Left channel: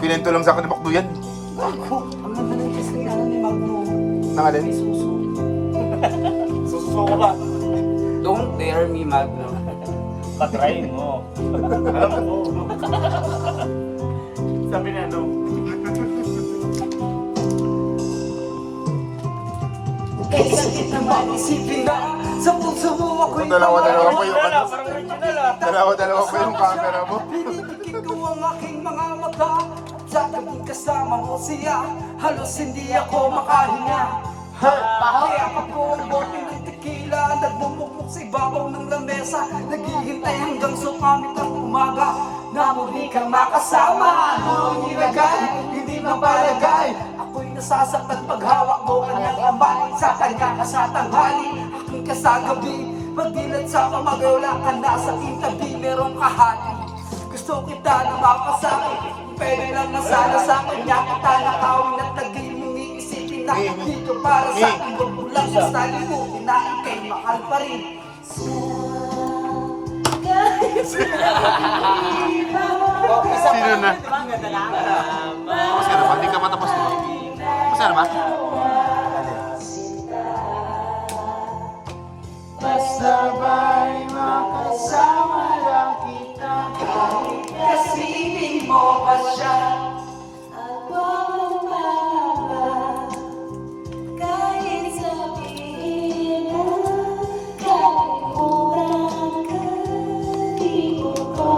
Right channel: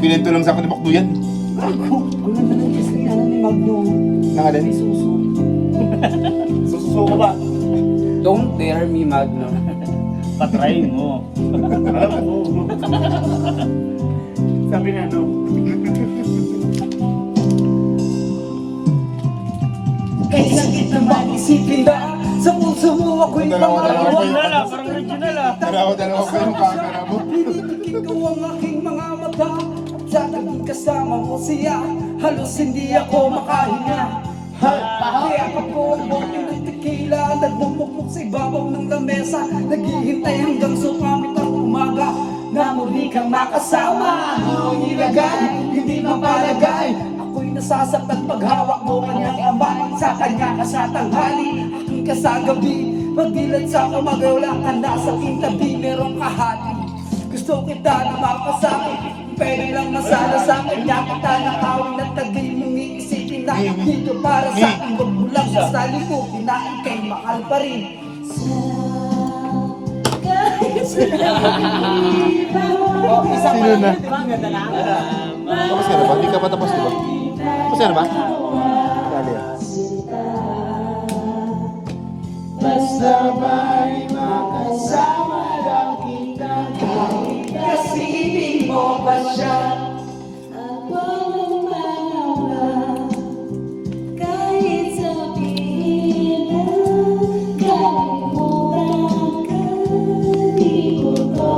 Pinento lang sa akin ni Bakdo yan. Ang ganda ng kiss niya ni Magno. Nangalin? May suso. Susuko ba? Don't dare me, Magno. Patry mo. Alam mo. Sabi na ano. Kailan naman isipin na sa puso mo ako'y Dalawa pa yung Parang original ah. Dalawa pa yung camera mo. Pinipikit ko ang aking mga mata at sa taging kasama mo siya halos hindi ako makahinga. Kaya ako ang bote ng tequila nagmumukmuk sa ibabaw ng lamesa naghihintay hanggang sumamit ang umaga na muli kang makasama. Ang ilagay, hindi mapalagay. Ako'y nasasaktan paghawak mo kanyang amanin sa kanya ka sa tanghali. Aking ka sa gabi, magdilan sa umaga wala ka na sa kitabi, merong kahati. Gusto kita na mapasakit, pwede lang na sana sa kanya kita nakawin at tagay mong iisipin na dito para sa akin. Huwag mo lang basta limutin na ikay mahal pa rin. Sino na? Tapos ka na ba? Hindi ka pa tapos, di ba? Tapos ka na ba? Dali. Basta ba'y makasama lang kita. Kasipin mo ba siya? Ako ang mahaba, kahit sabihin na kalimutan ka, di mo ko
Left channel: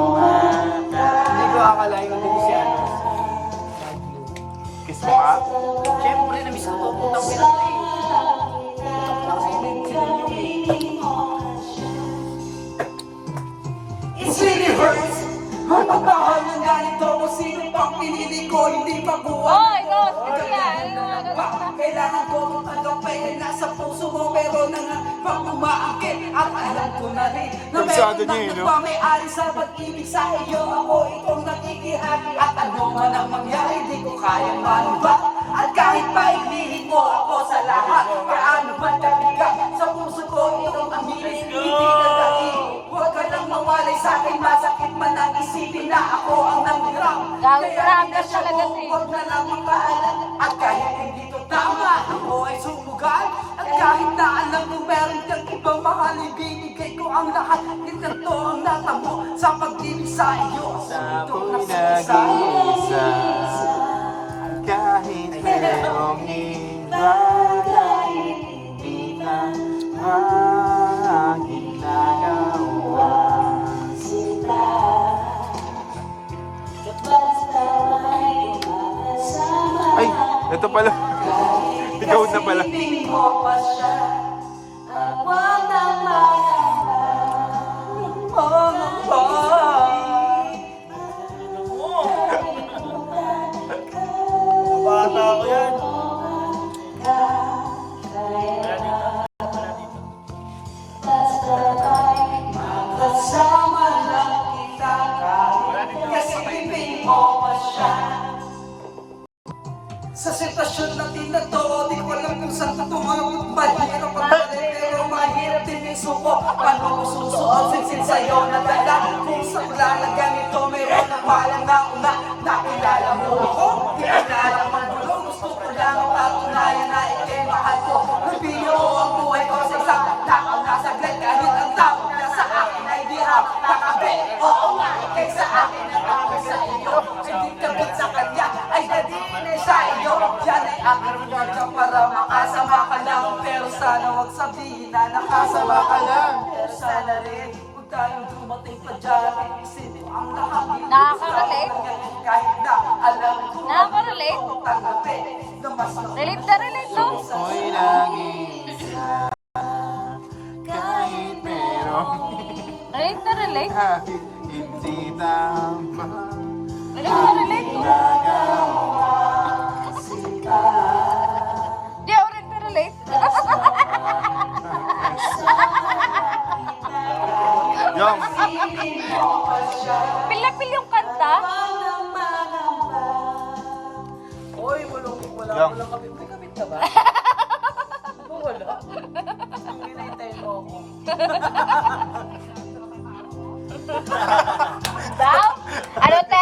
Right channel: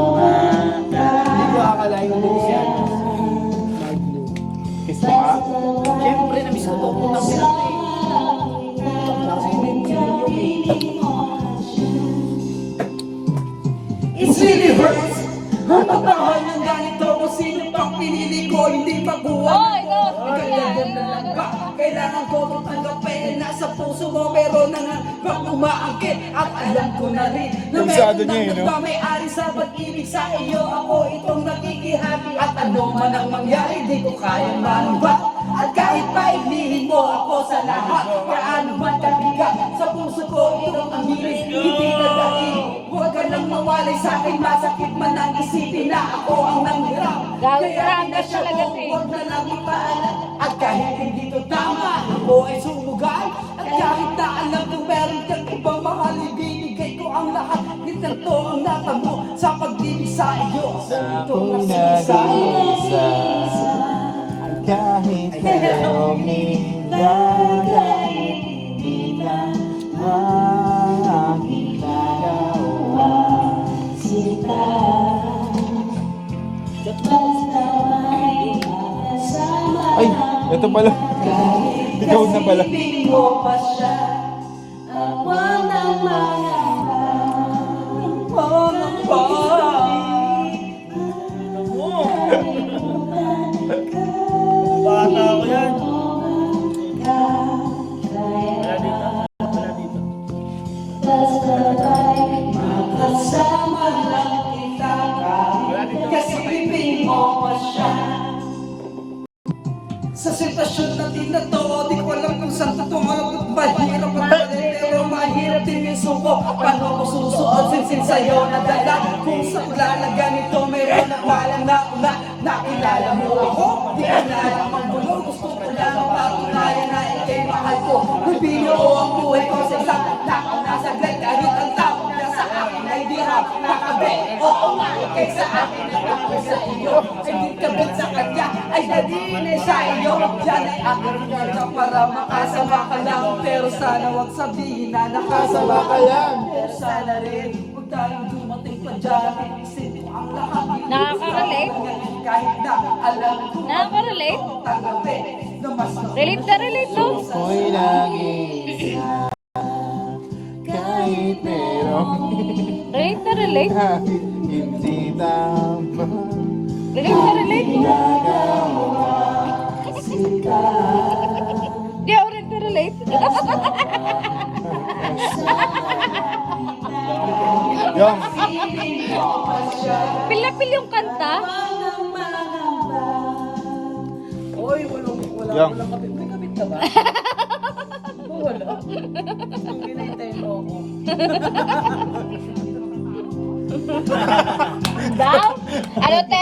Hindi ko akalain mo siya. Kiss mo nga. Siyempre, na-miss ko to. Putang pinag It really hurts. Ang pagmahal ng ganito kung sino pang pinili ko hindi mabuhat. Kailangan na lang ba? Kailangan ko kung tanggapin na nasa puso mo meron na nga bang umaakit. At alam ko na rin na Kabisado meron niya, na no? may-ari sa pag-ibig sa iyo. Ako itong nakikihati. At ano man ang mangyari, di ko kayang manubat. At kahit pa ilihin mo ako sa lahat, paano man kabigat sa puso ko itong aminin, hindi ka dahil. Huwag ka nang mawalay sa akin, masakit man ang isipin na ako ang nanghirap. Kaya hindi na siya ko, huwag na lang ipahalat. At kahit hindi to tama, ako ay sumugal. At kahit na alam ko meron kang ibang mahal, ibibigay ko ang lahat. Hindi to ang natamo sa pag-ibig sa iyo. Ako'y nag-iisa. Kahit merong iba, kahit hindi lang makakagawa. sita. Basta ba'y makasama Ay, ito pala. Ikaw na pala. Kasipin mo ba siya? ako ang mahaba. Bata ko yan. Wala dito. Wala dito. Kasama lang kita. Kasipin mo ba siya? Sa sitwasyon natin na to, di ko alam kung saan to malungkot. Mahirap ang dali, pero mahirap din yung suko. Paano ko susuot, sinsin sa'yo na dala. Kung sa ulala ganito, mayroon na palang nauna. Nakilala mo ako, di ko na alam ang gulo. Gusto ko lang ang patunayan na ikay mahal ko. Rubino ang buhay ko sa isang nakaw na saglit. Kahit ang tawag na sa akin ay di rap nakabit. Oo nga, ikay sa akin at ako sa iyo. Ay di kabit sa kanya, ay dadinin sa iyo. Yan ay aking wala para makasama ka lang. Pero sana wag sabihin na nakasama ka lang. Pero sana rin, huwag tayong dumating pa dyan. Isipin ang lahat. Nakaka-relate? Kahit na alam ko. Nakaka-relate? Tanggapin na mas Relate na relate to. Ako'y nag-iisa. Kahit merong Relate na relate. kahit hindi tama. Relate na relate. Nagawa sila. Di ako rin na relate. Yung, Pil na pil yung kanta. Uy, walang Yang. kabit. May kabit ka ba? Wala. Ang ginahintay mo ako. Daw? Ano te?